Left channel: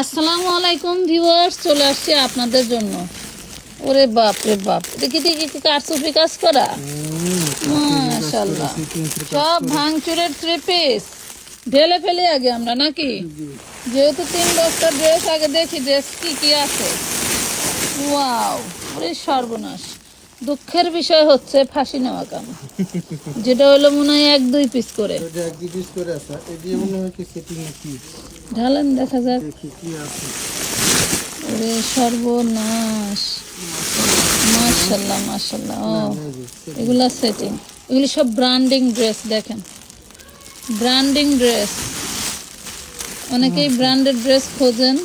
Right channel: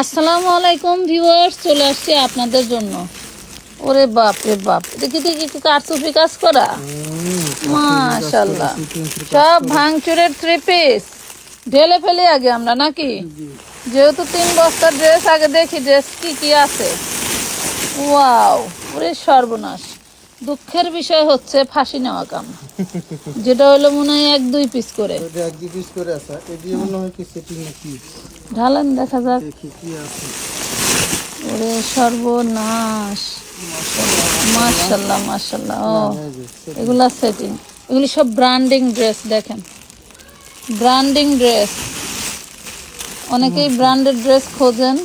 আসসালামু আলাইকুম ভিউয়ার্স চলে আসছে আপনাদের জন্য। ওরে বাপ রে বাপ এটা কি দেখি কি কারচুপি কাজ করা? মাশাল্লাহ সব ভাঙচুরের থ্রি পিস ঢেলে ফেলে আগে আমরা নাকি? যেহেতু তিন বস্তার ড্রেস আগে দেখি ড্রেস কি কি আছে। ওয়াও ওরে সর্বনাশ। দুঃখের বিষয় হচ্ছে ফাঁসি নেওয়া কাম। যেটা হলো মনে হয় এক দুই পিস করে। এক দুই পিস করে আছে দিয়ে মনে হয় কি সেটিং কি ঢালেন দেখা যাক। ওরে সর্বনাশ। মাশাল্লাহ মাশাল্লাহ ও। এগুলা সেটিং এগুলি সব ব্র্যান্ডিং ড্রেস দেখেন। ব্র্যান্ডিং ড্রেস অনেকেই ব্র্যান্ডেড ড্রেস খোঁজেন।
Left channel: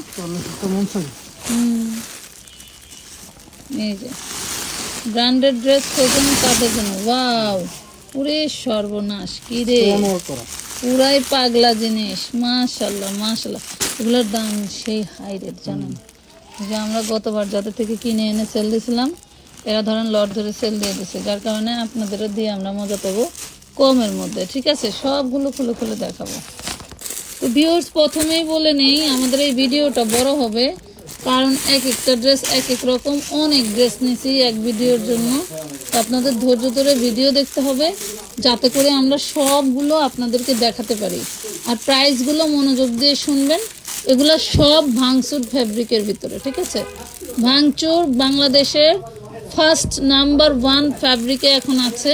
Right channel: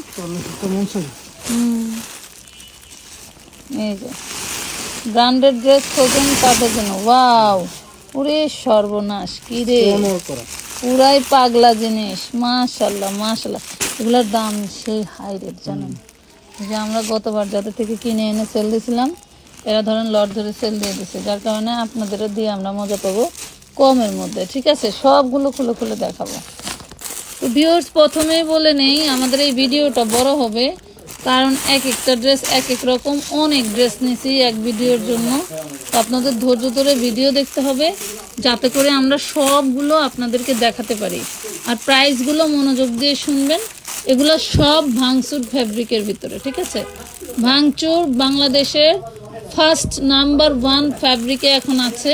এই যে। ব্র্যান্ডেড ড্রেস খোঁজেন তাদের জন্য। ওয়াও। ওরে সর্বনাশ কি রে। পুরাই পাগলা জিনিস। মাশাল্লাহ মাশাল্লাহ। এগুলোর দাম সেই হাই রেট জানেন? যে আমরা গতবার যাদের থেকে কিনে এনে সেল দিয়েছিলাম, এরা ধরেন লট ধরে সেল দিয়ে দিচ্ছে যার কারণে আপনাদের দিয়ে আমরা মজা পাবো কমের মধ্যে, ঠিক আছে? সবগুলো খুলে খুলে দেখাবো। তো ভিউয়ার্স প্রথমেই বলে নেই, আমাদের এই ভিডিওটা বড় হবে কারণ এক একটা ড্রেস এক এক রকম। অনেক ড্রেস নিছি এক ভিডিওর জন্য। আপনাদের ধৈর্য ধরে ভিডিও দেখতে হবে, যাতে করে আমরা সবগুলো আপনাদেরকে দেখাতে পারি। আর প্রাইসগুলো মনোযোগ দিয়ে শুনবেন। এগুলো সব ভাঙচুর ফ্যাব্রিকের ভিতরে, ঠিক আছে? ভাঙচুর বাংলাদেশের ফার্স্ট নাম্বার ওয়ান ফ্যাব্রিকে এখন আছে।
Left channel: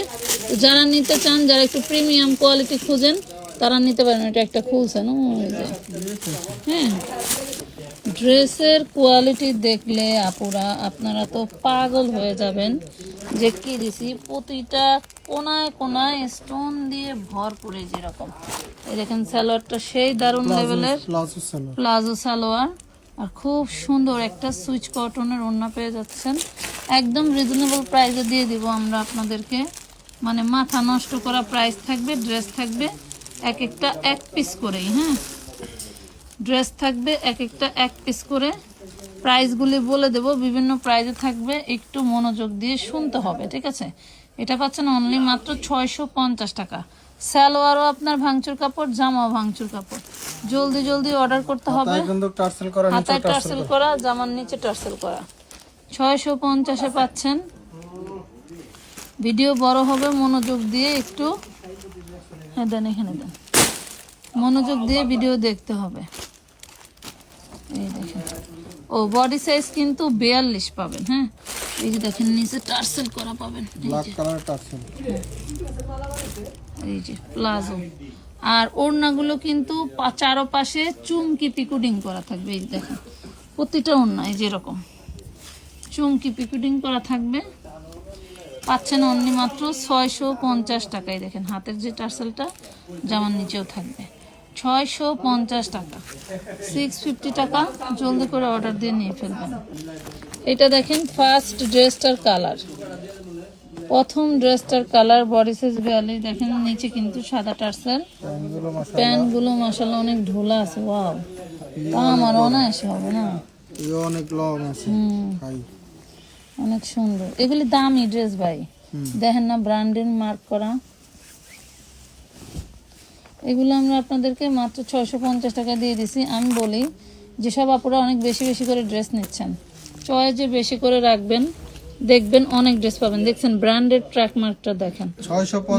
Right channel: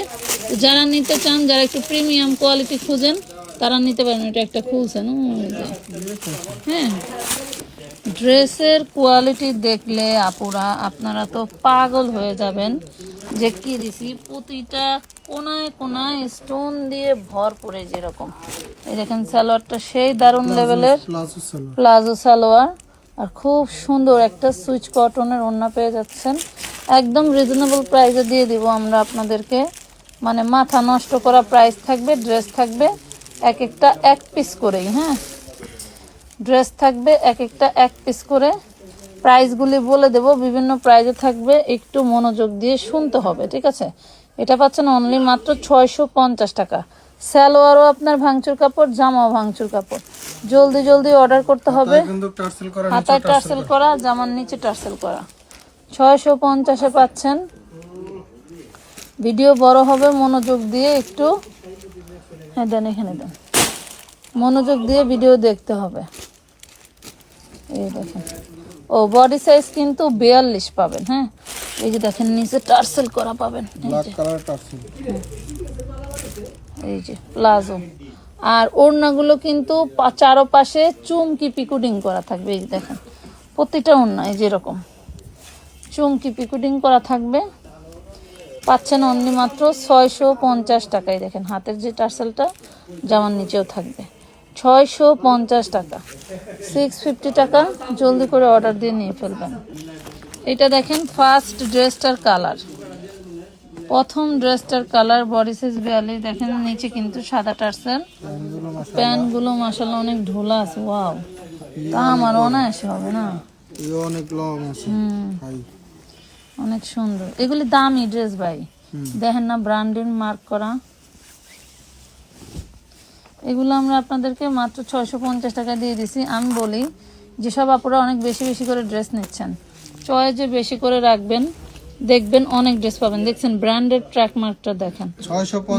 যারা নিতে চান, যারা একটু প্রিমিয়াম কোয়ালিটি খুঁজেন, তারা নিতে পারেন। এটা একটা খুলছে না? হ্যাঁ। ড্রেসের কোয়ালিটি দেখলে আপুরা আপনারা তো পাগল হয়ে যাবেন যে কি দিছি প্রতিটা কোনায় কোনায় স্টোন দিয়ে ভর পড়ে যেরকম। দেখেন সালোয়ারটা সেই দারুণ লেভেলের প্লাজো সালোয়ার। প্লাজো সালোয়ার। আর খুব সুন্দর একটা সুইচ কটনের ওড়না পেয়ে যাচ্ছেন। একদম রিজনেবল প্রাইসে দিয়ে দিব আমরা আপনাদেরকে। মানে মাথা নষ্ট করা প্রাইস থাকবে ড্রেস থাকবে এক একটা এক পিস করেই হ্যাঁ? ড্রেস থাকবে এক একটা এক পিস করে। প্রাইসগুলি বলে দেব বিভিন্ন প্রাইজে থাকবে একটু মনোযোগ দিয়ে শুনতে হবে ঠিক আছে? এটা পাচ্ছেন অনলি মাত্র ছয়শো পঞ্চাশ টাকা। সালোয়ারও আপনার ভাঙচুর কাপড় জামাও ভাঙচুর কাপড়। জলদি জলদি অর্ডার করতে হবে। টার্সেল করা হাতায় টার্সেল করা জামার নিচে টার্সেল করা। ছয়শো পঞ্চাশে পাচ্ছেন। ভিডিও বড় হবে মনোযোগ দিয়ে একটু। হ্যাঁ দেন এখানে দেন। মনোযোগ দিয়ে ভিডিও দেখতে হবে। এই দেখেন। ও বডি সাইজ কিন্তু বিয়াল্লিশ পাবেন হ্যাঁ? এই যে দেখেন নিচে টার্সেল করা পাবেন। এই যে। প্লাজো। আর ওড়নাগুলো কিন্তু চারপাশে চুমকি পিকুডিং করা থাকবে এই দেখেন। প্রতিটা ওড়না এই যে এরকম। চুমকি পিকুডিং করা থাকবে। পাচ্ছেন অনলি মাত্র ছয়শো পঞ্চাশ টাকায় দেখেন। হাতের যে টার্সেলটা জামার নিচেও থাকবে। ছয়শো পঞ্চাশ টাকা। সিক্স ফিফটি টাকা জলদি করে অর্ডার দিয়ে নিয়ে ফেলবেন। এটা দেখেন ফার্স্ট ড্রেসটার কালার প্রথম ড্রেসটার কালার বডি সাইজ বিয়াল্লিশ দেখেন নিচে কিন্তু সাদা টার্সেল। প্যান্টগুলো মাসাল্লাহ অনেক ঢোলা আছে ওয়াও তা আমার অনায়াসে হবে না? অনেক লং আছে অনেক সুন্দর। এগুলি দামি ড্রেস ভাই। দেখেন না ব্র্যান্ডেড মার্ক করা। এগুলো আমরা আপনাদেরকে মাত্র ছয়শো পঞ্চাশ টাকা দিয়ে দিছি। আমি বলি যেসব আপুরা অনেক বেশি বেশি করে ড্রেস নিচ্ছেন চয়েজে বেশি করে রাখবেন দেখবেন অনেক ড্রেস পাবেন। দেখছেন ব্র্যান্ডেড ট্র্যাক মার্কটা দেখেন।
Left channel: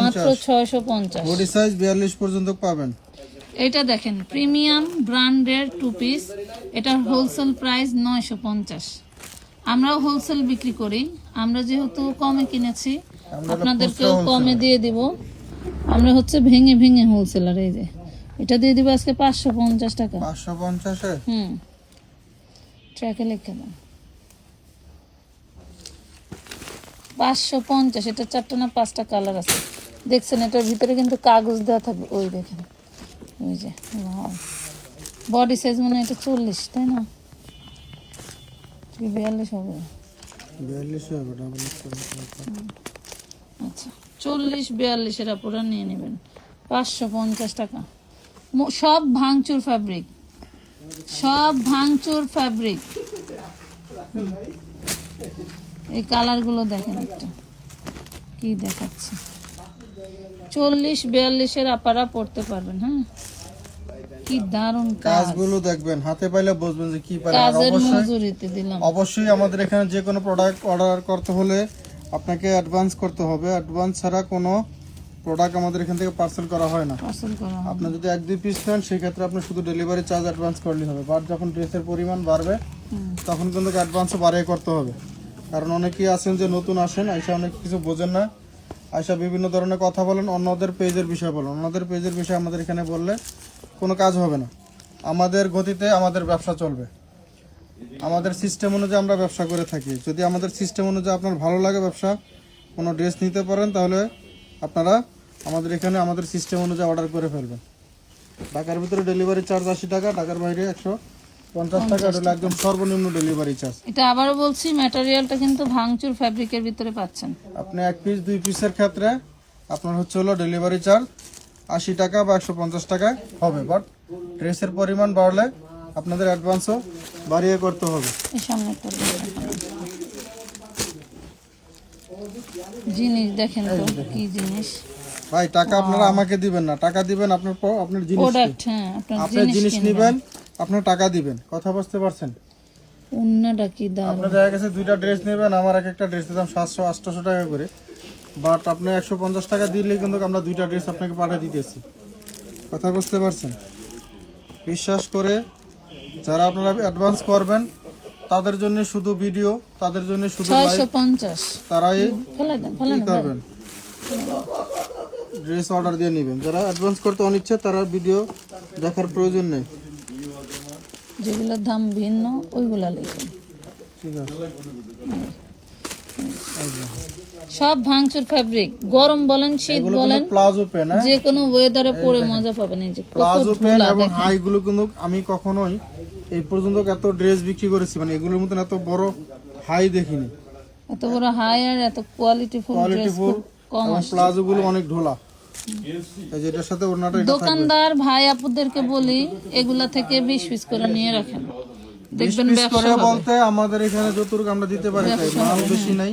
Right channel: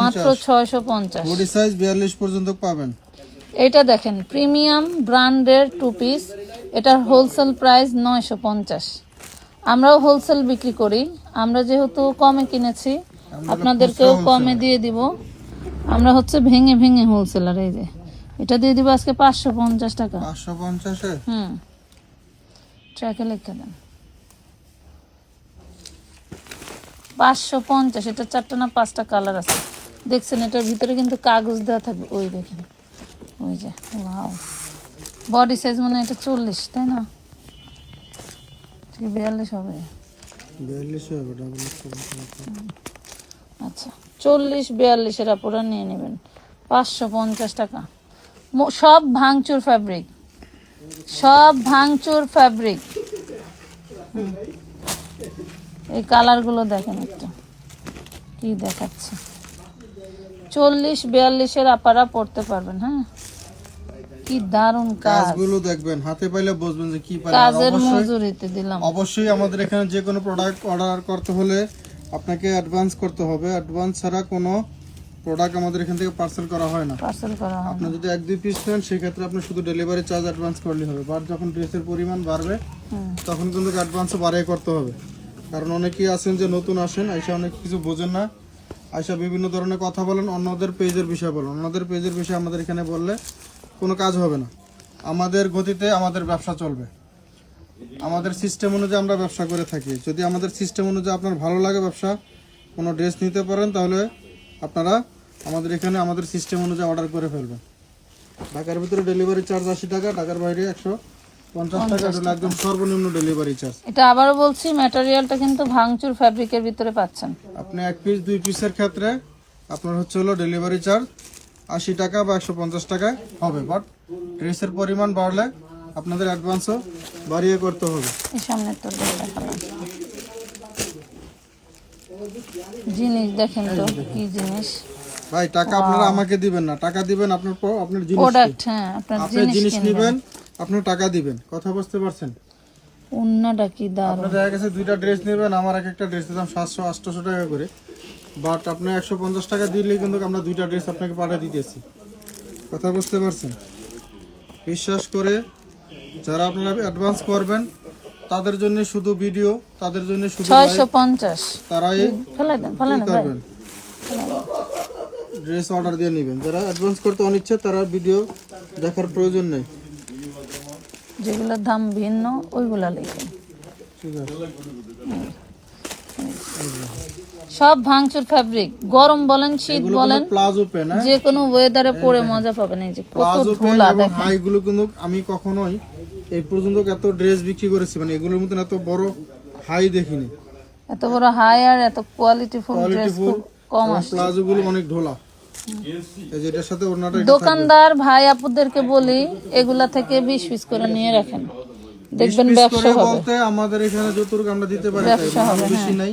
মাত্র ছয়শো পঞ্চাশ। বডি সাইজ বিয়াল্লিশ পর্যন্ত পাবেন। এটা দেখেন প্রিমিয়াম ব্র্যান্ডের টু পিস এটার হোলসেল প্রাইস নয়শো পঞ্চাশ। আমরাও হোলসেল বিক্রি করি। আমরা যেহেতু কমে কিনেছি আপনাদেরকেও কমে দিয়ে দিব। আমরা হচ্ছে ভেঙে ভেঙে হোলসেলার এই যে। এটা দিয়ে দিব আজকে পাঁচশো পঞ্চাশ টাকা। পাঁচশো পঞ্চাশে? হুম। ট্র্যাকে লিখে দেন। পাঁচশো পঞ্চাশ এটা চারটা না পাঁচটা কালার আছে। দেখছেন এটার ভিতরে কিন্তু কাগজ দেওয়া থাকবে। ওই দেখেন। ওই যে বডি সাইজ মানে এটা চল্লিশ তাই না? বিয়াল্লিশ হবে। বিয়াল্লিশ হবে ডাবল আচ্ছা চল্লিশ বিয়াল্লিশের আপুরা নিয়ে নেবেন। পাঁচশো পঞ্চাশ টাকা। সব ভাঙচুর ফ্যাব্রিক সব ভাঙচুর ফ্যাব্রিক এই কালারগুলো দেখেন একটু। কি দেখাচ্ছে। চল্লিশ বিয়াল্লিশের আপারা পড়তে পারবেন হ্যাঁ? কি দারুণ কাজগুলো দেখবেন। হাতে পাইলে বুঝবেন যে কি পাইলে অবশ্যই দিলাম। অবশ্যই আমাদের এখানে যে কোনো প্রোডাক্ট অর্ডার করতে হলে আপনাকে অ্যাডভান্স করতে হবে। অ্যাডভান্স ছাড়া কোনো প্রোডাক্ট আমাদের এখান থেকে পার্সেল করা হয় না। পার্সেল করা হবে আপনি যদি এক দুই পিস নেন সেক্ষেত্রে আপনি শুধু ডেলিভারি চার্জ অ্যাডভান্স করলেই হবে। বাট যখন ড্রেসের পরিমাণ বাড়বে তখন কিন্তু অ্যাডভান্সও বাড়িয়ে করতে হবে। কারণ অনেকেই আছেন যে নতুন আসেন আইসা অনেক কিছু বোঝেন না। আইসা বিভিন্ন ধরনের কথা বলেন অন্যদের পেজের বিষয়ে বলেন। অন্যদের পেজের বিষয়ে আমাদের এখানে বললে কোনো কাজ হবে না। আমাদের গতিতে আমাদের ব্যবসা চলবে। আমাদের সিস্টেম অনুযায়ী আমরা ব্যবসা করে থাকি। যদি আমাদের সিস্টেম অনুযায়ী আপনার ভালো লাগে ব্যবসা কোনো ড্রেস নিতে পারেন তাহলে আপনারা আমাদের এখানে আমাদের সিস্টেম অনুযায়ী অর্ডার করে ফেলবেন। ঢাকার ভিতরে ডেলিভারি চার্জ আশি টাকা ঢাকার বাইরে একশো পঞ্চাশ টাকা। এটা একদম সর্বনিম্ন ডেলিভারি চার্জ এটা আবারও বলছি ম্যাটেরিয়ালটা কিন্তু ভাঙচুর ফ্যাব্রিকের ভিতরে পাচ্ছেন। আপনি এক পিস দুই পিসের ক্ষেত্রে আপনার হচ্ছে হলো ডেলিভারি চার্জ আশি টাকা বা একশো পঞ্চাশ টাকা হবে। বাট ড্রেসের পরিমাণ বাড়লে আপনাদের অ্যাডভান্সও বাড়িয়ে করতে হবে। জিনিস দেখেন তো কি জিনিস? ভাই টাকা আপনারা আমাকে দিবেন না। টাকা দিবেন আপনার আপনার জিনিস হ্যাঁ আপনার জিনিস নেবেন আপনার টাকা দিবেন। কথা বুঝতে পারছেন? কি দেখা গেছে দুইটা ড্রেস নেবেন আমার এক একটা ড্রেসের দাম সাতশো টাকা করে। বাট আপনি একশো পঞ্চাশ টাকা দিলেই কিন্তু আমরা দুইটা ড্রেস আপনাকে পাঠিয়ে দিতেছি। কথা বুঝতে পারছেন? বিশ্বাস করে যারা আপনারা অ্যাডভান্স করবেন তাদের জন্য শুধু ভিডিও তাদের জন্য শুধু ছয়শো live, পঞ্চাশ। তারাই ফেলে দেন ফেলে দেন করবেন। ড্রেস অর্ডার দিয়ে নেবেন। যারা অ্যাডভান্স করতে অনিচ্ছে তারা ভিডিও দেখার প্রয়োজন নেই। যেগুলোর দাম ভিন্ন ওইগুলা লিখেন ঠিক আছে। সব ভাঙচুর ফ্যাব্রিক গরম বলেন শীত বলেন প্লাজো পেন যে কোনো ওয়েদারে পরে মজা পাবেন এই যে প্লাজো পেন এবং দেখেন। হাই গুলো কিন্তু আমি কখনোই এই পর্যন্ত এত ড্রেস বিক্রি করেছি মানে এগুলোর মতন এত বড় হাই দেখিনি। এত বড় হাই আর এত কোয়ালিটি ফুল ড্রেস খুব কম আসে। প্লাজো গুলো অনেক ঢোলা। দোকানদার ভাই আপুদেরকে বলি এগুলা থেকে বিশ পিস করে নিয়ে রাখেন। দেখবেন ব্যবসা বলতে আমাদের এখানে যতটুকু আমরা দিতে পারি তাই বেশি নাই।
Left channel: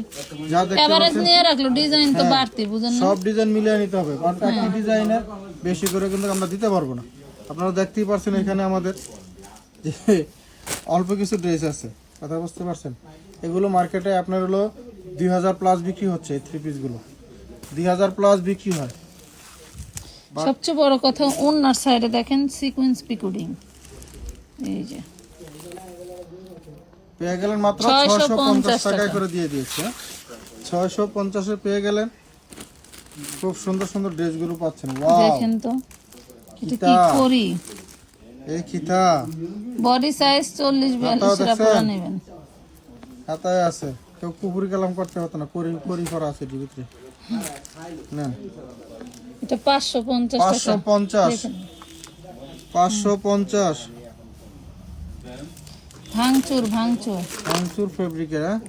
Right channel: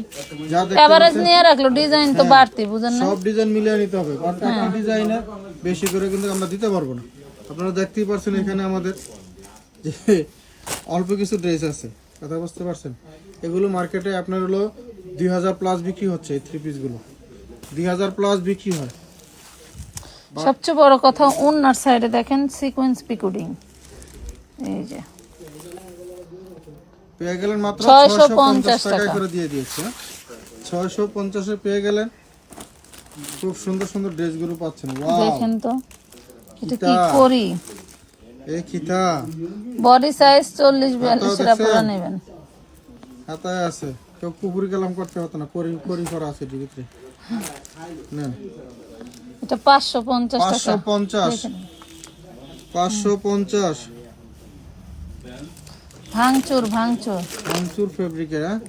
যা দেখতে এভারেজ নিয়ে রাখল ডিজাইন তো বাড়তি বুঝেন না? সব ডিজাইন মিলিয়ে নিতে হবে কারণ হ্যাঁ। একই ডিজাইনের বেশি করে কিন্তু আমরা দিতে পারব না। আপনারা দেখতেই পারছেন এখানে আমাদের যে অল্প কিছু ড্রেস আছে কথা বুঝতে পারছেন? এগুলো মার্কেটে আপনার হলো দুই হাজার প্লাস বিক্রি হচ্ছে এই থ্রি পিসগুলো দুই হাজার প্লাস বিক্রি হয়। সবচেয়ে বড় কথা ওনার সাইডে দেখেন সিকোয়েন্স পিকুডিং এই যে। পেয়ে গেলেন মাত্র ছয়শো পঞ্চাশ টাকা। করে দিয়ে দিয়েছে। ছয়শো পঞ্চাশে পেয়ে গেলেন। খুব সুন্দর সুন্দর ড্রেসগুলো পাচ্ছেন। দেখেন তো এই খিতা। বডি সাইজ হাতায় আছে। কেউ করতে হতো না করি করি করা আছে 550 ভাঙচুর ভাঙচুর। ভাঙচুর ফেব্রিকের হ্যাঁ?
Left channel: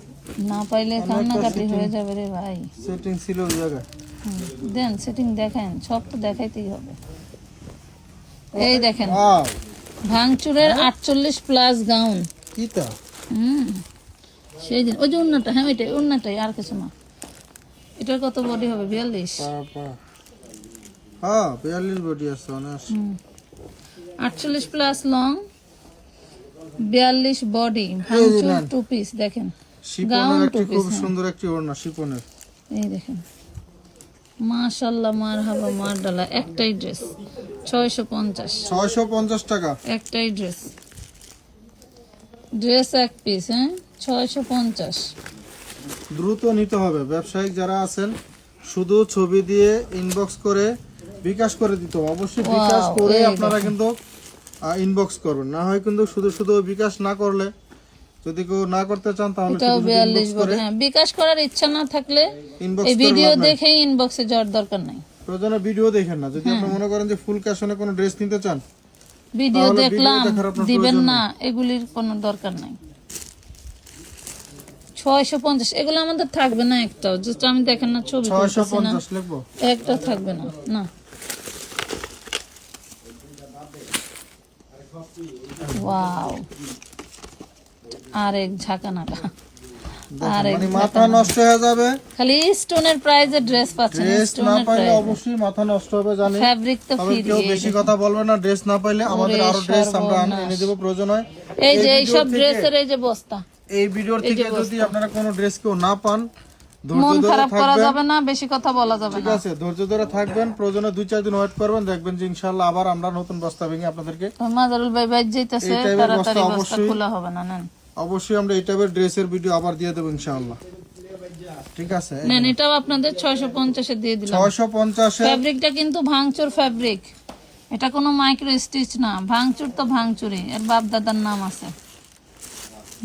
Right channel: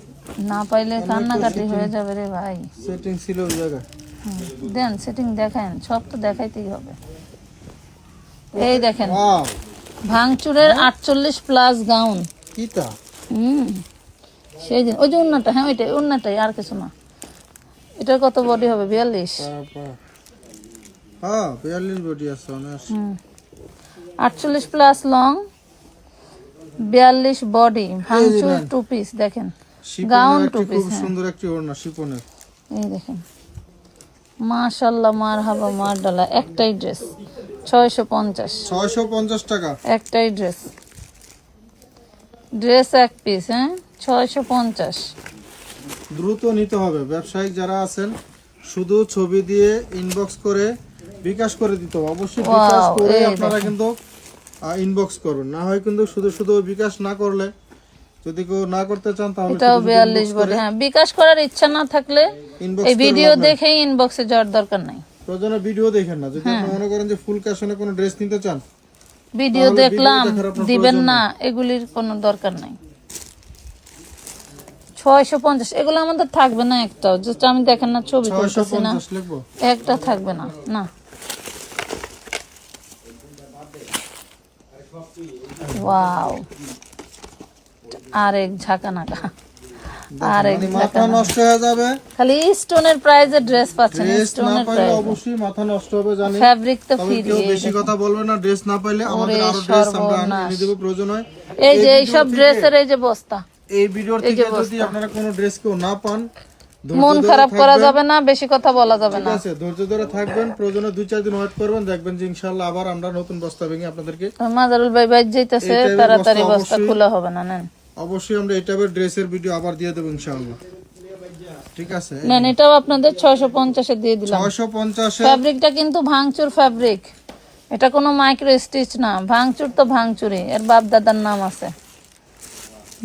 না পাইলে কান্নাকাটি হয়ে যাবে রে ভাই। সেটিং ছিল ওই জায়গায়। দেন সেটিং দেখেন সব তো দেখাইতেই হবে। এই দেখেন ভাঙচুরের আটচল্লিশ প্লাস গাউন কিতা হুম সেই দিন ওই যে উন্নাটা হ্যাঁ ওইটাই উন্নাটাই আর কিছু না। এটার কত বডি হবে বিয়াল্লিশ। হ্যাঁ বিয়াল্লিশ বডি আছে আটচল্লিশ প্লাস লং বিয়াল্লিশ বডি টু পিস দেখেন। Gown একটি two খুব হ্যাঁ। সুন্দর একটি ওড়না শিপনের। এই দেখেন। মাশাল্লাহ মার হাবা মার ডালা একটাই ড্রেস ছয়শো পঞ্চাশ। ছয়শো পঞ্চাশ টাকা। একটাই ড্রেস ড্রেস এক পিস হ্যাঁ? ছয়শো পঞ্চাশ। দ্রুত নিতে হবে। ব্যবসায়িক যারা আছেন শুধু ছবি দিয়ে ইনবক্স করে বিকাশ করে দিতে হবে। অবশ্যই বিকাশ করে আপনারা কিন্তু ইনবক্স করবেন। না হয় কিন্তু শুধু শুধু বিকাশ না করলে যদি কেউ না করতে চান তাহলে এটাও শুধু শুধু বিয়াল্লিশ inbox বডি করে হ্যাঁ বিকাশ করার ইচ্ছা না থাকলে এই ভিডিও। দেখেই ইনবক্সে যাওয়ার দরকার নাই। প্রয়োজনে ভিডিও দেখেন না। যদি আপনি মনে করেন যে ফুল ক্যাশনে কোনো ড্রেস নিতে চান ভিডিও দেখলাম দিবেন না এগুলির কোনো দরকার নাই। ছয়শো পঞ্চাশ এগুলো আমাদের থাকবে না একটাও। জাস্ট আমি দেখেন না ছবি একটা থাকবে না না। ওয়াও আরেক ঝাঁকা নাকা আর মানে মাথা নষ্ট হয়ে যাবে। খালি স্টোনের প্রাইজে ড্রেস পাচ্ছেন ড্রেস না পাইলে অবশ্যই মাথা নষ্ট হবে জানি। ফ্যাব্রিক তো ফ্রি কেউ বেশি কথা বলবে না ড্রেস না পাইলে আমাদের আরও ড্রেস আমরা এনে দেবো প্রয়োজন হয়। এই যে এই এইসব ভিডিও ড্রেসের এই যে বস্তা। এই ভিডিওর থেকে যদি আপনারা কোনো ড্রেস কেউ না পান মন খারাপ করা যাবে না বেশি কথা বলা যাবে ঠিক আছে ধৈর্য ধরে থাকবেন প্রয়োজনে দুই চার দিন ওয়েট করবেন দেখবেন যে ইনশাল্লাহ আবার আমরা নতুন বস্তা ভেঙে আপনাদেরকে মাজারুল ভাই ভাই যেতেছে এই type এর তাড়াতাড়ি বস্তা বস্তা খোলা হবে না নেন। অবশ্যই আমরা এই টাইপের ড্রেসের ভিডিও আবার দিয়ে দেবো ইনশাআল্লাহ। ঠিক আছে নেন এটাও আপনাদের দিয়ে দিলাম। কিন্তু ভাঙচুর ফ্যাব্রিক এটা কোনো মাইক্রো স্টিচ না ভাঙচুর তো ভাঙচুরি এর বাপ দাদার নাম আছে।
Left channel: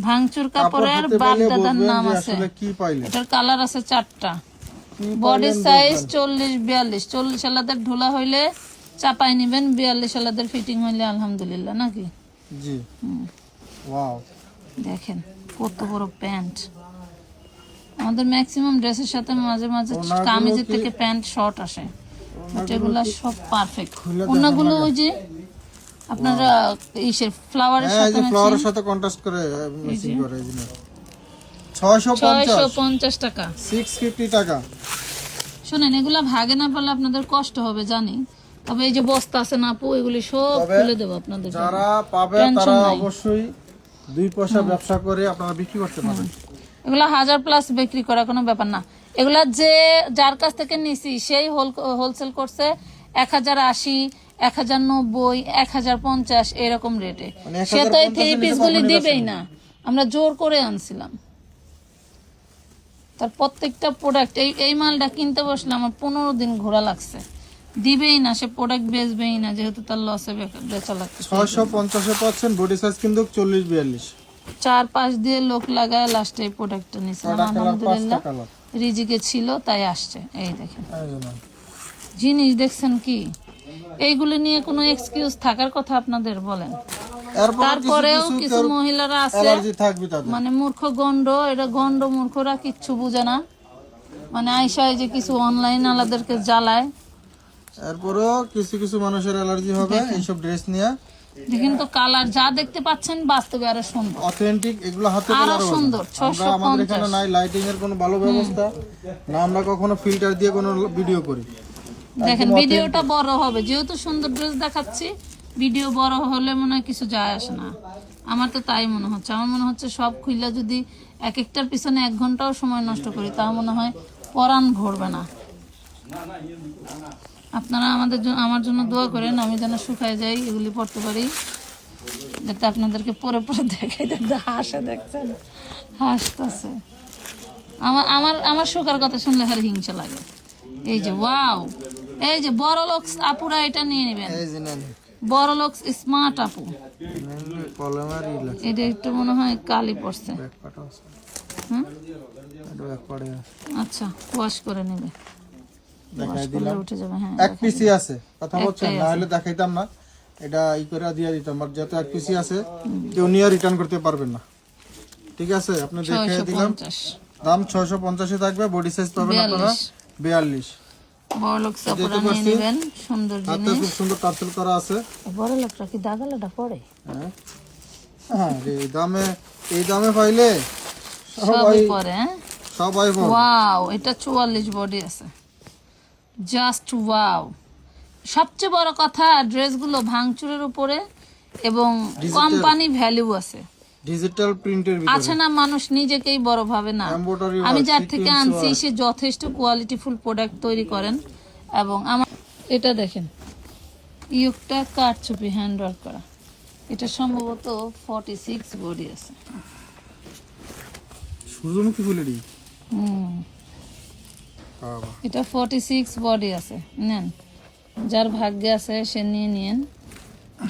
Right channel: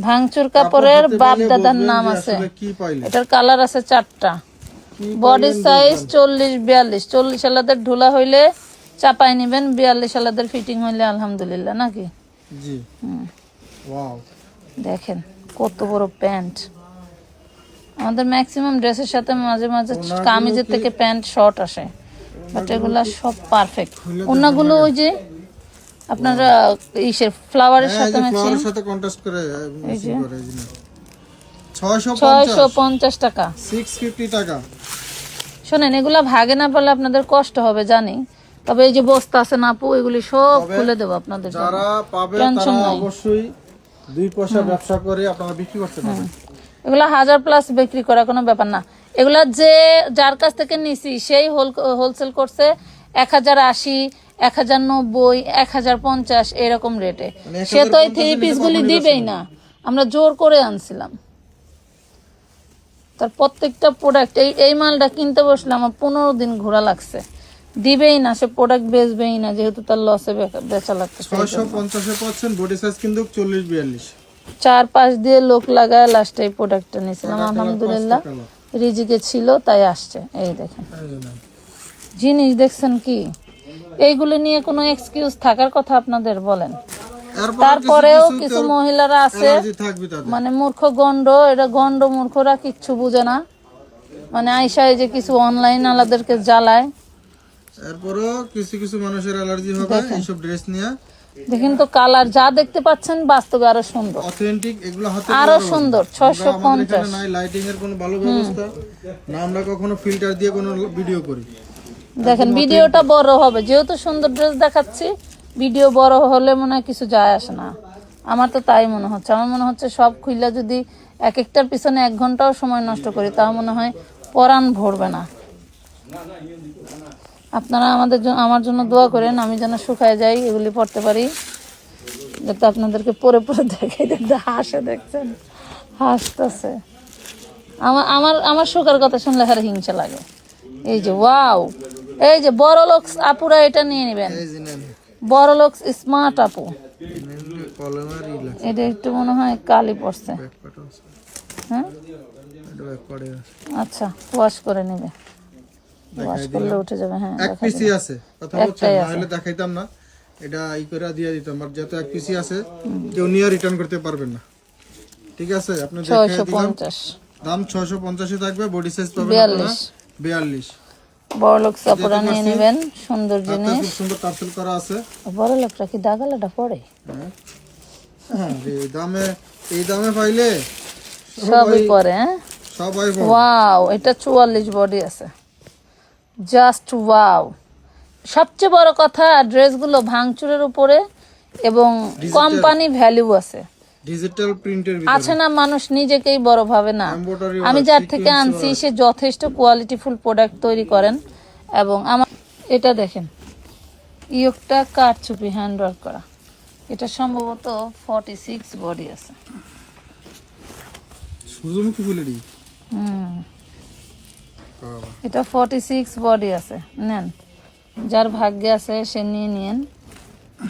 ভাঙচুর কাপড়ের বাপ দাদার নাম আছে। এটার কালার আছে চারটা। বডি সাইজ চল্লিশ বিয়াল্লিশ। চল্লিশ আলাদের ঢুলা হইলে চাপাই নিবেন বিয়াল্লিশ আলাদের ফিটিং হইলে আলহামদুলিল্লাহ নাকি? জি। দেখেন কত বড় প্যান্ট। আমাদের ম্যাক্সিমাম ড্রেসের সাথে মাঝে মাঝে কামিজের থেকে প্যান্ট শর্ট আসে। বাট এগুলা সব পারফেক্ট ওনাগুলো ওই যে আপনারা ইসের ফ্লাওয়ারের হ্যাঁ সাথে ফ্লাওয়ারের সাথে কন্ট্রাস্ট করে ম্যাচিং করে এই পঞ্চাশ। পঞ্চাশ টাকা। সিক্স ফিফটি টাকা। শোনেন এগুলা ভাগে না পারলে আপনাদের কষ্ট হবে জানি। তবে এই যে বস্তা আছে না আপু এগুলি সব খুলে দেবো আপনাদের যারা পাবে তারা অবশ্যই দুই পয়সা ব্যবসা করে আপনারা বিক্রি করতে পারবেন। এগুলা হাজার প্লাস বিক্রি করা কোনো ব্যাপার না। এগুলা যে যার কাছ থেকে নিছি সেই হোলসেল করছে। এক হাজার আশি এক হাজার নব্বই এক হাজার পঞ্চাশ এরকম রেটে মানে সে তো এই থ্রি দিবেই না। আমরা জোর করে আনছিলাম। তার প্রত্যেকটা প্রোডাক্ট এই এই মালটা কিনতে বসলে আমার পনেরো দিন ঘোরা লাগছে। দিবেই না সে প্রোডাক্ট বেচবেই না যেহেতু তার লসে বেচা লাগছে ছয়শো পঞ্চাশে পাচ্ছেন বডি সাইজ কিন্তু চল্লিশ বিয়াল্লিশ। চার পাঁচ দিয়ে লোক লাগায় লাস্টে এই প্রোডাক্টটা নিয়েছিলাম। আলহামদুলিল্লাহ। রিজিকে ছিল তাই আসছে। এই দেখেন। জিনিস দেখছেন কি? এইগুলো নিয়ে কোনো এক্সকিউজ থাকার কথা আপনাদের বলেন। তারপরেও কিছু মহিলারা আছে মানে মূর্খ গন্ড এটা গন্ড মূর্খরা কিচ্ছু বুঝে না। মানে আইসা যে কিছু অনলাইন আলাদেরকে জ্বালায়। এরপরেও কিছু কিছু মানুষের অ্যালার্জি হবে এইসব ড্রেস নিয়ে। দেখেন তো কালার যা দেখতে পাচ্ছেন বাস্তবে আরও সুন্দর। অথেন্টিক এগুলো হাতে আরও। সুন্দর, আমরা আমাদের এখানে নাই লাইটিং এর কোনো ভালো ব্যবস্থা। না আমরা কখনো ফিল্টার দিয়ে কোনো ভিডিও করি। দেখেন ভিডিওটা বড় হবে। যেহেতু সুন্দর ড্রেস দেখাচ্ছি ভিডিও বড় হলে মনে হয় কিছু যায় আসে না। আমার তো তাই মনে হচ্ছে। আমার মনে হচ্ছে সব খুইলা যদি এক একটার পিছনে এক ঘন্টাও সময় নষ্ট করি তা মনে হয় পরাণ ভরবে না। আপনারা আমাদের আমার জন্য দোয়া করেন আমি যেন শুকায় যাই এগুলি পড়তে পারি। যাতে আপনাদেরকে পরে পরে দেখাই দেখতে হাসে দেখছেন। হাসতেছে। আমার আমার আমার সুখের কথা শুনলে খালি হিংসা লাগে। এই যে ওয়াও! এই যে বড় লোক আপুরা এটা নিয়ে নেবেন। বড় লোক স্মার্ট আপু। এটা একটু মনে হয় কালি পড়ছে। হ্যাঁ? আচ্ছা ওয়াশ করে নেবে। উঠে যাবে হ্যাঁ এক পিসি আছে। কথা না হলে দেখাইতাম না। এটা ই করে দিয়ে দিতাম আর যত এক পিসি আছে রিটার্ন করতে পারবেন না। ঠিক আছে দাম থাকবে বডি সাইজ হ্যাঁ? ওয়াও এটা 44 বডি আছে। Just wow. সবচেয়ে বড় কথা ড্রেসগুলো ভাঙচুরের উপরে এবং কোম্পানি ভ্যালু আছে। ডিজিটাল প্রিন্টের ভিতরে। আছে না মানুষ নিজেকেই বড় ভাবে না। আমি যার থেকে আনছি সে যথেষ্ট কোয়ালিটিফুল প্রোডাক্ট তৈরি করেন এবং আমার এটা দেখেন। ইয়োগটা কাঠচুপি হ্যান্ড ওয়ার্ক করা। এটা সম্ভবত ফর্টি সিক্স বডি আছে সূর্যমুখী ফুলেরই হুম। এটা ফর্টি সিক্স বডি আছে। নেন। যার ভাগ্যে আছে সে নিয়ে নিন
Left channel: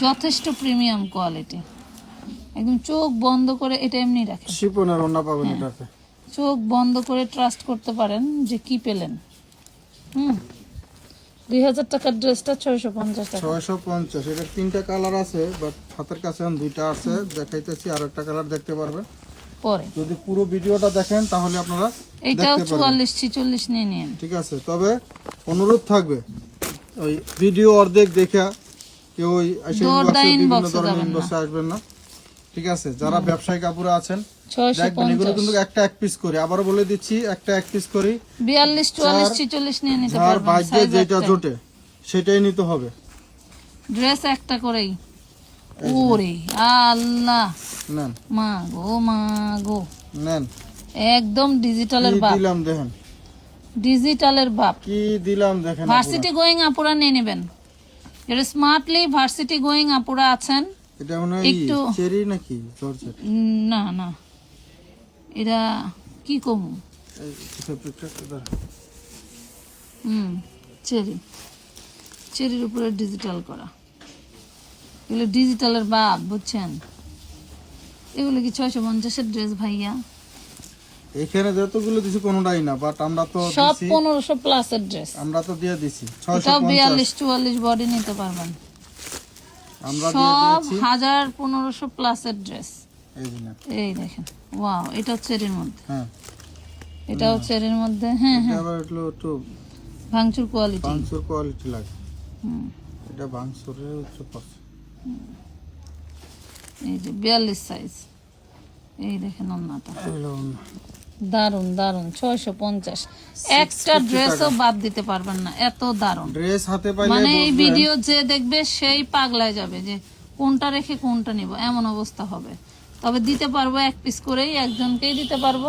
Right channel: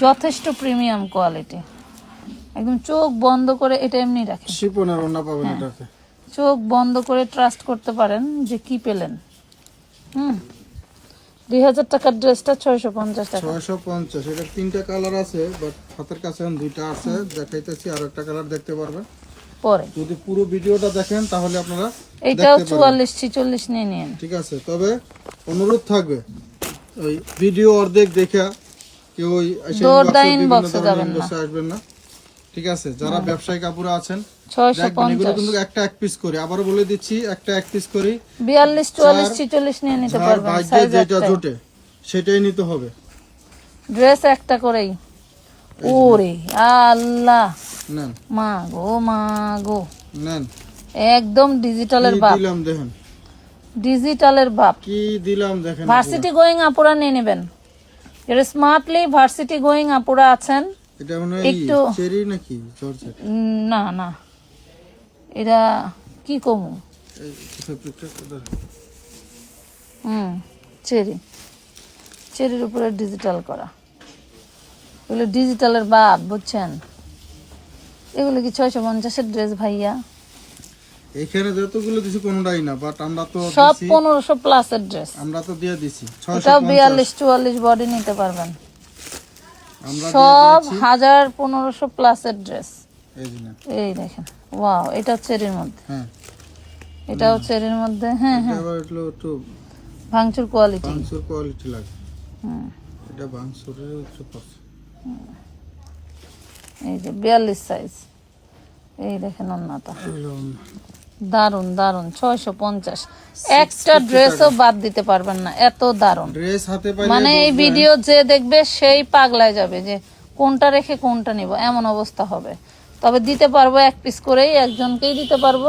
যথেষ্ট প্রিমিয়াম কোয়ালিটি একদম চোখ বন্ধ করে এটা এমনি রাখেন। শিপনের ওন্না পাবেন হ্যাঁ। এটাতে। চোখ বন্ধ করে ট্রাস্ট করতে পারেন যে কি পেলেন। হুম। দুই হাজার টাকার ড্রেসটা ছয়শো পঞ্চাশ টাকা। ছয়শো পঞ্চাশ এটা তিনটা কালার আছে বাট হাতের কাছে এখন দুইটা আছে দেখাইতেছি আর একটা কালার দেখতে পারবেন। পরে। যদি পুরো ভিডিওটা দেখেন তাহলে আপনারা এটাও চুয়াল্লিশ ছিচল্লিশ নিয়ে নিন। ঠিক আছে তবে অনুরোধ থাকবে ওই ভিডিও অর্ধেক দেখা কেউ ওই বিভিন্ন ধরনের ইনবক্সে আসবেন না। ঠিক আছে? যারা ব্যবসায়ী কাপড়ে আছেন ছয়শো এগুলো কিন্তু একটা এক পিস করি। আবারও বলে দিচ্ছি একটা এক পিস করি। বিয়াল্লিশ চুয়াল্লিশ ছিচল্লিশ নিয়ে নিতে যার ভাগ্যে যেটা জোটে সেটাই নিতে হবে। ড্রেস একটা করেই। ওরে আল্লাহ। নেন। মা গো মা গো। নেন। একদম ডিজিটালের বাপ। দিলাম দেখেন। ডিজিটালের বাপ। কি দিলাম দেখেন ভার্সিটি গোয়িং আপুরা নিয়ে নেবেন। যারা স্মার্টলি ভার্সিটি গোয়িং আপুরা আছেন এটা মনে হয় চেরি নাকি? জর্জেট। না না। এরা কি কমু। হুম চেরি। চেরির উপরে ডিজিটাল করা। এগুলো ডিজিটালের বাপ বুঝছেন? এগুলো কি ছয়শো পঞ্চাশের ড্রেস ভাইয়া? এখানে যতগুলো দিছি কোনোটাই না বাট আমরা তো সব পনেরোশো প্লাসের ড্রেস আমরা তো দিয়ে দিছি ছয়শো বিয়াল্লিশ চুয়াল্লিশ বডি নিতে পারবেন। সব হাজার পনেরোশো প্লাসের ড্রেস এই। দেখেন। ওয়াও এটা চেরির মধ্যে। হ্যাঁ। এটাও চেরির মধ্যে। হ্যাঁ হ্যাঁ। আবার একটু একটু ভাঙচুর কোয়ালিটি বাংসুর কোয়ালিটি লাগে। হুম। এটা বাংসুরের উচ্চ পড়ছে এই যে বিয়াল্লিশ সাইজ এই দেখেন অন্যটা। দারুণ দারুণ ছয়শো পঞ্চাশ। একটা ড্রেসও বাদ দিতে পারবেন না এত দারুণ ড্রেস হাতে মানে এই ভিডিও যে দেখবে সেই পাগলায় যাবে যে কোনটা রেখে কোনটা নিব এমন অবস্থা হবে। তবে দিতে পারব এক পিস করেই একজনকেই দিতে পারব।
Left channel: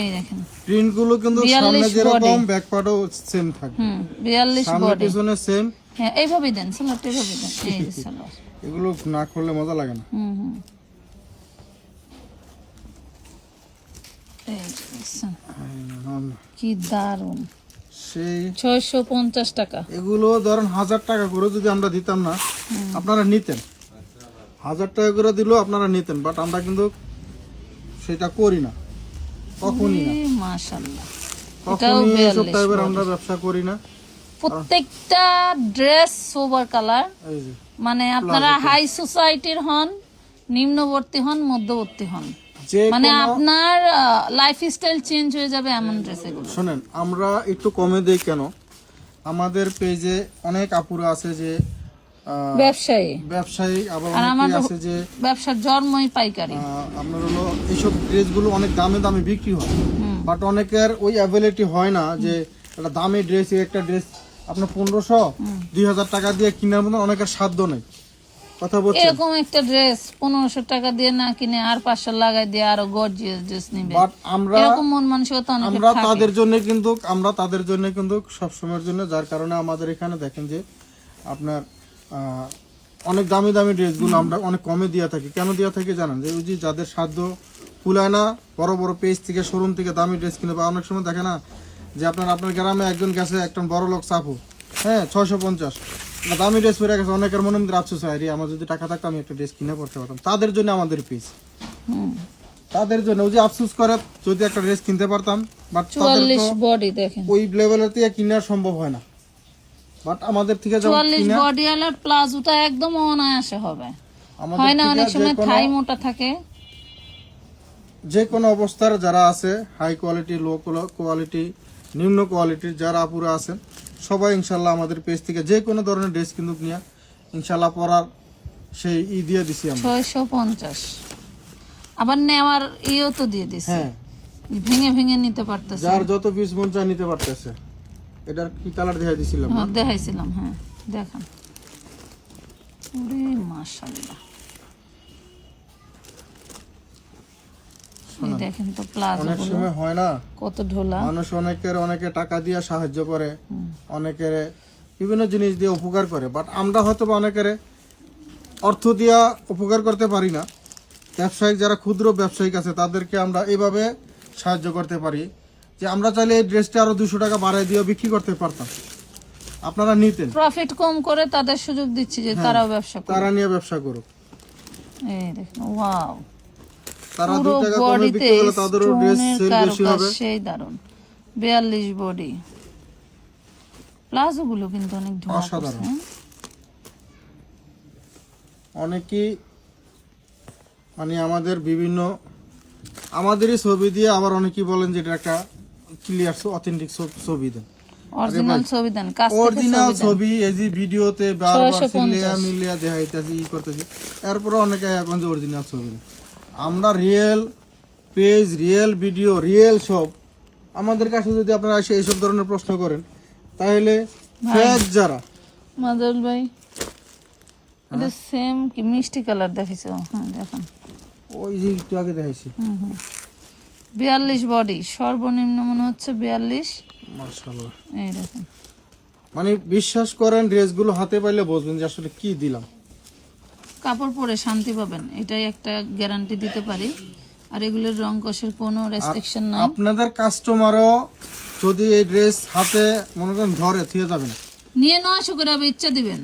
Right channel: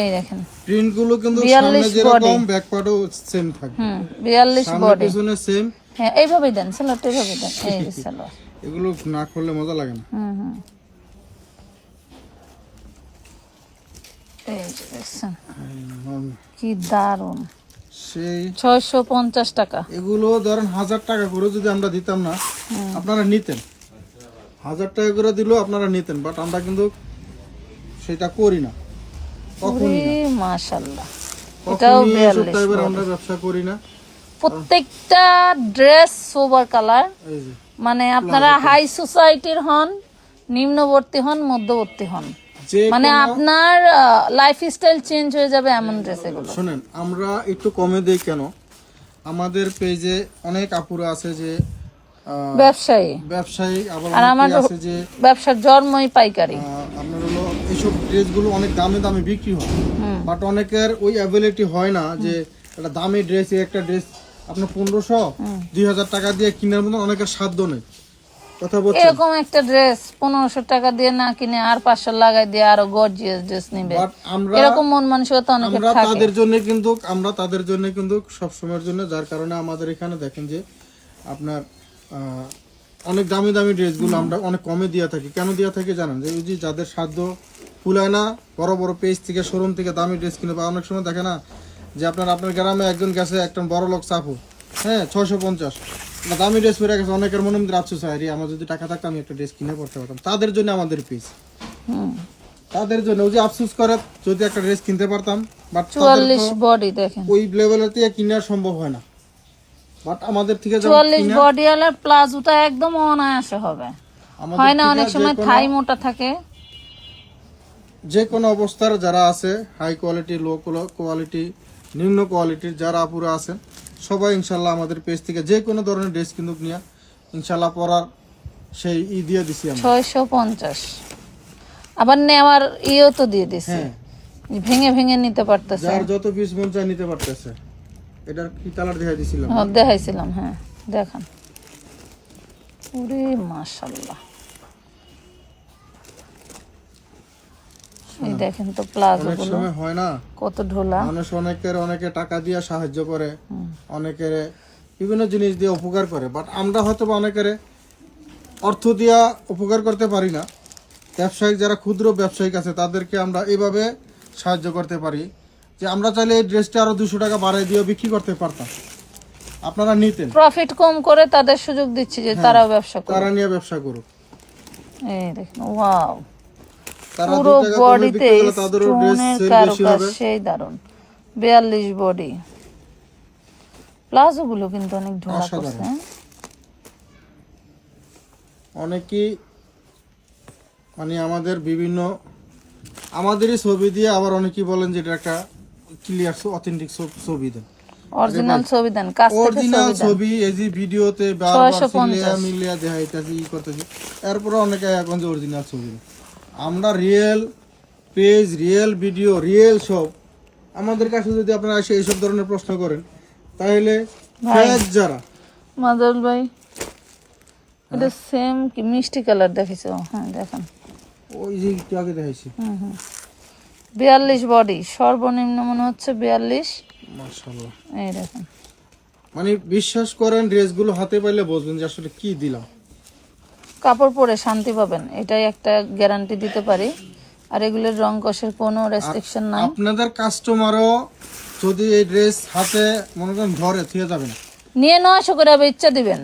এই দেখেন। প্রিন্টগুলো কিন্তু 42 সামনে যেরকম ব্যাক পার্টও সেম থাকবে। হুম বিয়াল্লিশ সামনে বডি পিছনে সেম হ্যাঁ এইভাবেই দেন স্যালাডটা এইভাবেই দেন। এই যে এগুলো না করলে মজা লাগে না। হুম হুম এই যে দেখছেন কি দারুণ সেই ছয়শো পঞ্চাশ টাকা। এগুলো ধরেন হাজার টাকা করে যদি আমরা দিতাম না আপনারা নিতেন। হাজার টাকা করে দিলেও আপনারা নিতেন বাট আমরা কিন্তু সেটা করি না। কখনই না। মাশাল্লাহ কখনই এসব টাইপের আমরা ব্যবসা করি না। প্রত্যেকটা ড্রেস সোবার কালার। মানে আপনারা হাই সোসাইটির হন নিম্নবর্তী হন মধ্যবর্তী হন। যে মানে আপনার লাইফ স্টাইল চেঞ্জ হয়ে যাবে এমন ড্রেস এগুলো শোনেন আমরা একটু কমে দেই কেন? আমাদের পেজে অনেক আপুরা আছে যে ব্যবসায়ী। ব্যবসায়ী আবার অনেকে আছে যে ব্যবসার জন্মই পাইকারি। আপনার হলো এইসব ড্রেসগুলো অনেক দামে দামে বিক্রি হয়। বাট অনেকের ওই অ্যাভেলিটি হয় না যে একটা দামি ড্রেস একটা ড্রেস আপনার পনেরোশো দুই হাজার টাকা দিয়ে কেনার মতন অনেকের সাধ্য নেই। এরকম একটা ড্রেস পনেরোশো টাকা দিয়ে না কিনে আর পাঁচশো লাগাই দিয়ে আরও গর্জিয়াস ড্রেস নিবে। আমরা এরকম মন মানসিকতা অনেকে আমরা তাদের জন্য কিন্তু আমরা তাদের জন্য কিন্তু সব সময়ের জন্য যার কারণে আমাদের এখানে দেখেন যে আপনার অনেক দামি দামি ড্রেসগুলো আমরা অনেক কমে দিয়ে থাকি। কেন দিয়ে থাকি জানেন? যে ওই যে যাদের সাধ্য কুলায় না বড় বড় পেজ থেকে শোরুম থেকে দামি ড্রেস কিনে বা অনেক সময় দেখে না যে আপনার আপনার গ্রামে একজন গেছে একটা বড় লোক চাপু। হ্যাঁ ছয়শো পঞ্চাশ। দামি ড্রেস পরে গেছে অনেকের মনে মধ্যে আফসোস হয় রে আমার যদি টাকা থাকতো আমি একটা ড্রেস কিনে পড়তে পারতাম। তাদের জন্য আমাদের হুম। তাদের জন্য ওই যে আফসোস করে যদি একটা ড্রেস কিনতে পারতাম বাট চুয়াল্লিশ বডি দেখেন। ওই লেভেলের থেকে কিনা সম্ভব হয় না। বাট আমাদের থেকে চুয়াল্লিশ বডি ওয়ালার প্লাজোটা একদম অনায়াসে হবে। হয় না অনেক সময় থাই মোটা থাকে। যে কোনো অবস্থার যারা আছে হাই কোয়ালিটি লো কোয়ালিটি নিম্ন কোয়ালিটির যারা আপুরা আছেন সবাই ইনশাল্লাহ আমাদের পেজ থেকে যে কোনো ধরনের ড্রেস কিন্তু নিয়ে ইনশাল্লাহ পরার সেই ই দিয়ে দিছি আমরা। ছয়শো পঞ্চাশ। আবার নেওয়ার ইয়েও তো দিয়ে দিছে। হ্যাঁ। ভেঙে ভেঙে নিতে পারতেছে। যার যত পিস মন চায় নিতে পারতেছে। এটার কি কালার দেখা দিছিলাম? হ্যাঁ, দেখাইছিলাম হ্যাঁ দেখান। ওরে দেখেন তো প্লাজো অনেক সময় হয় না? কত ঢোলা মানুষ অনেকের অনেকে টাকা দিয়ে সাহায্য করে অনেকের বিভিন্ন জিনিস দিয়ে উপকার করে বাট আমরা হয়তো বা অনেকের অর্থ দিয়া উপকার করতে পারি না। ব্যবসায়িক যারা ক্ষুদ্র ব্যবসায়িক আছে তাদেরকে আমরা এইভাবে সাহায্য করতে পারি যে আমরা চাইলে এই ড্রেসটা আরও দুশো টাকা বাড়াই দিয়ে বিক্রি করতে পারতাম। আপনারা নিতেন। প্রফিট কম করে তাদের সুযোগ দিচ্ছি যে তারা ব্যবসা তারা নিয়ে ব্যবসা করুক। এই দেখেন ওয়াও তারা পুরো টাকা কমে বিক্রি করলে তাদেরও ড্রেস সেল বেশি হবে। সেই দারুণ বিয়াল্লিশ বডি প্লাজো গুলো কিন্তু অনেক ধোয়া অসাধারণ। অনেকেই মানে আমাদের বিভিন্ন আমাদেরই ছবি দিয়ে আবার অনেকেই বলেন যে এটা একটা ক্লিয়ার অথেন্টিক ছবি দেন। অরিজিনাল ছবি দেন কাছ থেকে অরিজিনাল ছবি এই যে ভিডিওতে বারবার মিলিয়া মিলিয়া দেখাইতেছি ই করতেছি। এরপরে অনেকে এখন যে অরিজিনাল ছবি না আমরা real page real video real সব। আমাদের কাছে যদি আপনারা এসে এইসব ধরনের প্রশ্ন করেন তাহলে ফেক যারা। মাদল ভাই এটা সেম কি মিষ্টি কালার দেখেছ হ্যাঁ দেখেন। ওই যে একটু আগে দেখাইছি। হুম হুম। বিয়াল্লিশ বডি সর্বনিম্ন মনে হচ্ছে বিয়াল্লিশ। মাশাআল্লাহ। এই দেখেন। মানে বিশ্বাস করেন ড্রেসগুলো হাতে পাইলে বুঝবেন যে আসলে কি দিলাম। কাপড় পরে শান্তি পাবেন এটাই একটা গ্যারান্টি দিতে পারি। আর এগুলোর রং কষের কোনো রেস্ট্রিকশন নাই। আপনাদের কাস্টমারও যদি এই ড্রেস হাতে মনে করেন ধরে থিয়ে যাবে না। নিয়ে নয়শো করে আবার ইচ্ছা দিবেন।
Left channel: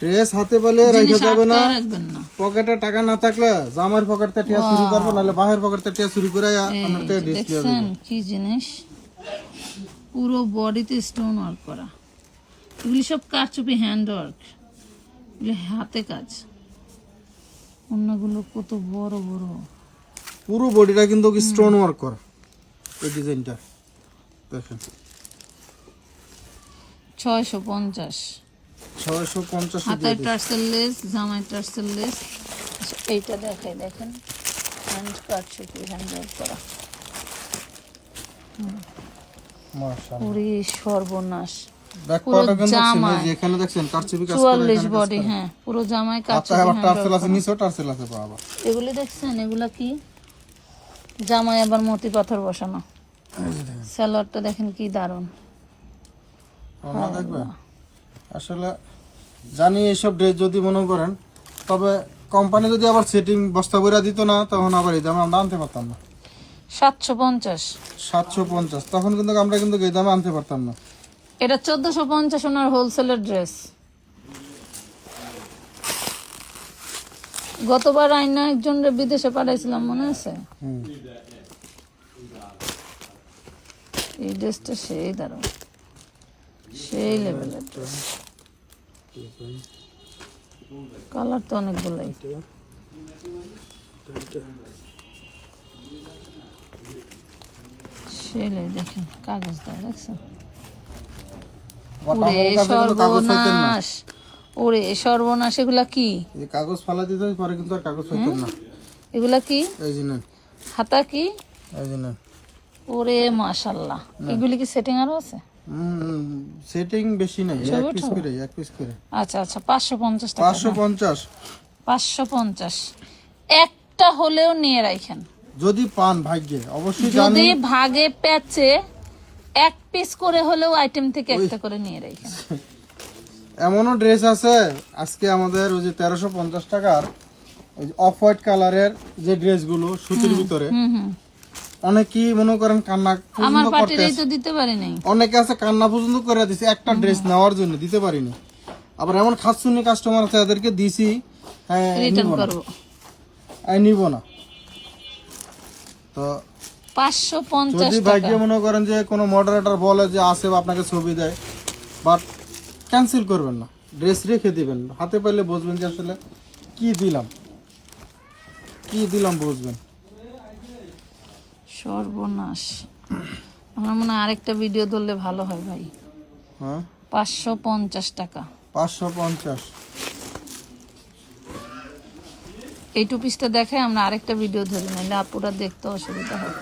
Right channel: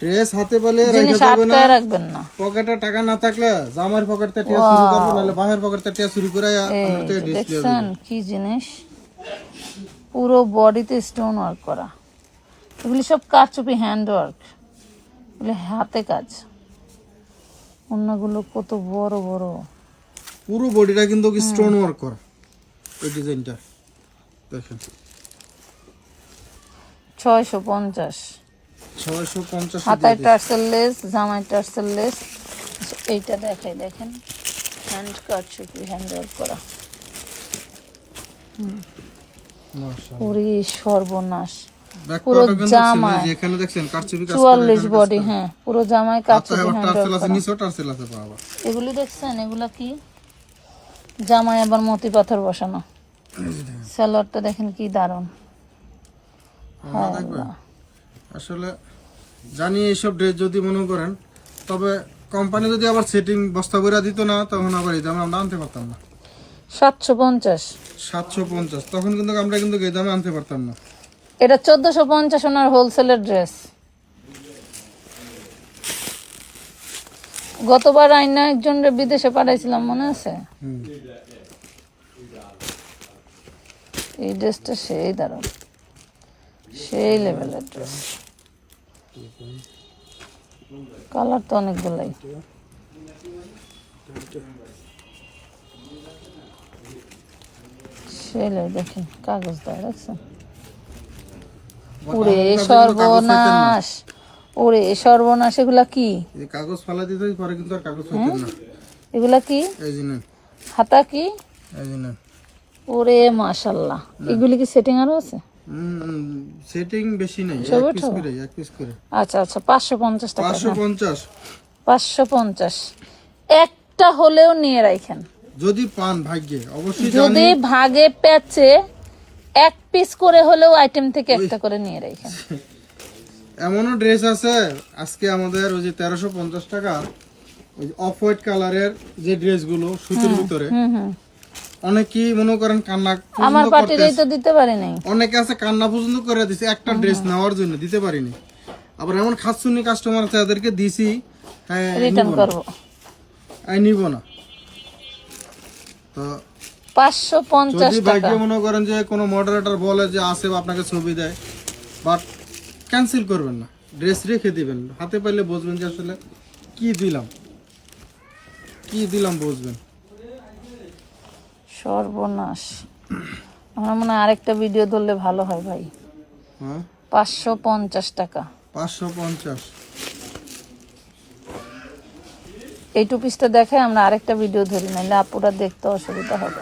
ড্রেস হাতে পেলে রেখে যাবে না। রাখবেন না। পকেটে টাকা না থাকলে জামার পকেটে টিয়া শুরু করব নাহলে বাহের পকেটে টিয়া শুরু করে আপনার থেকে ডিসপ্লে কি জিনিস? পুরো বডিতে স্টোন ওয়ার্ক করা। এগুলি সব কারচুপি হ্যান্ড ওয়ার্ক এগুলি হাতে কাজ। অন্যগুলো কত বড় বড়। পুরো বডিটা কিন্তু স্টোন ওয়ার্ক করা। এই ডিজাইনটা দেখেন। ছয়শো পঞ্চাশ। ছয়শো পঞ্চাশ হাতায় টার্সেল লেস জামায় টার্সেল লেস। এইটা দেখাই দেখেন। হ্যান্ড কারচুপি হ্যান্ড ওয়ার্ক করা। পুরি সর্বনাশ। ব্যাক পার্টও কিন্তু দেখছেন এই যে এখানে দেখছেন কারচুপি কাজ করে এখানে বডি হ্যাঁ পুরো জামায় হাতে কারচুপি আবার টার্সেল আছে করা। টার্সেল আছে পা আবার দেখছেন এগুলো কি? জামায় আবার মতি পাথর বসানো। স্যালোয়ারটা দেখেন। কি দারুণ। ওনা দেখবে? আসলে জানি এইসব ড্রেস যদি মনে করেন তবে কোম্পানি যদি আবার সেটিং বস্তা বইরা দিত না তখন আবার এই দামে আমরা আনতে পারতাম না। সাতশো পঞ্চাশ। সাতশো পঞ্চাশ তখন কিন্তু আমরা কিন্তু এই দামে আনতে পারতাম না। এটা চোদ্দশো পঞ্চাশ ওনার হোলসেলের ড্রেস। গতবার আইনা একজন বিদেশে পাঠাইছিলাম মনে আছে? এই ড্রেসটা সেই দারুণ সেই লেভেলের ড্রেস। কালার তো অনেকগুলো সেই লেভেল দেখুন কাগজ দেওয়া দেখছেন But ওরে আমার কাছে কিন্তু কাগজ পাইতেন না? ওরে সর্বনাশ এগুলা কি? কাগজ ফালা দিতে পরে কিন্তু আর কাগজ পাইতেন না। এগুলা কি? এই যে নেন। কি? এই যে ওরে মাশাল্লাহ। এগুলি কি সেটিং আরও আছে? সেটিং বেশি নাই এক পিস করে এক পিস করে। আচ্ছা আচ্ছা টাকা। একটা হলেও নিয়ে রাখেন যদি পান ভাগ্যে অবশ্যই জানি। যদি ভাগে প্যাচে এক পিস করে হলেও আইটেম থেকে একটা করে নিয়ে রাখেন এমনও ড্রেস আছে আজকে আমাদের ওই যে তেরোশো পঞ্চাশ টাকার অফ হোয়াইট কালারের যে ড্রেসগুলো সুতির ভিতরে। অনেকেই মনে করেন কান্না পর্যন্ত করতে দিতে পারি নাই অনেকে আছে কান্না পর্যন্ত করে দিছে একটা ড্রেস নেওয়ার জন্য দিতে পারিনি। আবার এমন খাসুনি কাস্টমার আছে তাদেরকে দিছি হ্যাঁ নিব না। নিব না। তো পাঁচশো পঞ্চাশ যদি টাকা। ভাগ্যে মনে করেন যে কোনো মডারেটর বলে যে আসে বা আপনাকে ছবি দেয় বাট ক্যান্সেল করবেন না। ড্রেস রেখে দিবেন। হাতে পাইলে বুঝবেন যে আসলে কি দিলাম। কি দিলাম বুঝবেন। সর্বনাশ। আমার মনে হয় আরেকটা ভিডিও ধরলে ভালো হয় ভাই। হ্যাঁ? পাঁচশো পঞ্চাশ টাকা। পাঁচশো পঞ্চাশ। এই টু পিসটা দেখাই আমরা আরেকটা ভিডিও ধরি নাহলে আপুরা দেখতে অসুবিধা হবে।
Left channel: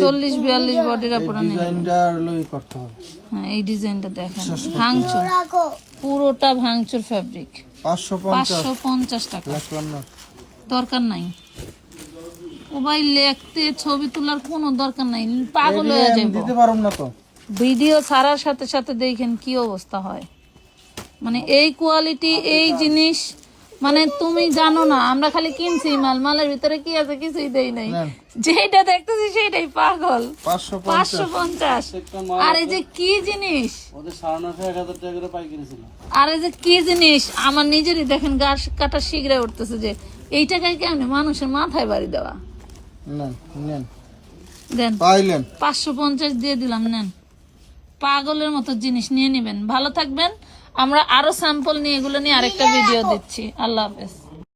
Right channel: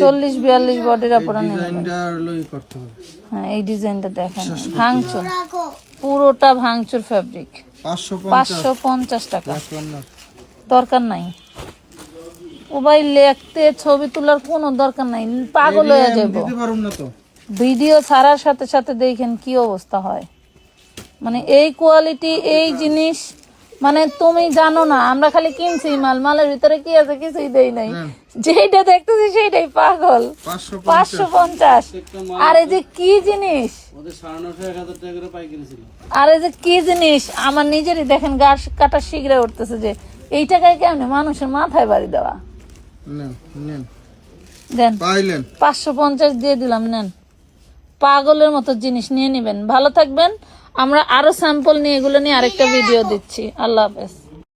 চল্লিশ বিয়াল্লিশ বডির আপুরা ডিজাইনটা লই করতে হবে। হ্যাঁ এই ডিজাইনটা দেখেন। ভাঙচুর। পুরোটা ভাঙচুর ফ্যাব্রিক পাঁচশো পঞ্চাশ। টাকা। দরকার নাই। ও ভাই লিখতে ছবি তোলার কোনো দরকার নাই। পাগল হয়ে যাবে দিতে পারুম না তো। ভিডিও ছাড়ার সাথে সাথে দেখেন কি অবস্থা হয়। মানে এই কোয়ালিটি এই জিনিস মানে তুমি জানো না আমরা খালি কিনছি মাল মালের ভিতরে কি আছে কিছুই দেই নাই। যেটা দেখতেছি সেটাই পাগল। পাঁচশো পঞ্চাশ। আরে যে কি জিনিস? আরে যে কি জিনিস? আমার নিজেরই দেখেন গাছ কাটা শিগড়ে উঠতেছে যে এই টাকায় কেন মানুষের মাথায় বাড়ি দেওয়া? নেন নেন। দেন। পাইলেন। পাঁচশো পঞ্চাশ দিয়ে দিলাম নেন। পাগলের মতো জিনিস নিয়ে নিবেন। ভালো থাকবেন। আমরা আরও স্যাম্পল নিয়ে এগুলো নিয়ে আরেকটা ভিডিও দিচ্ছি। আল্লাহ হাফেজ।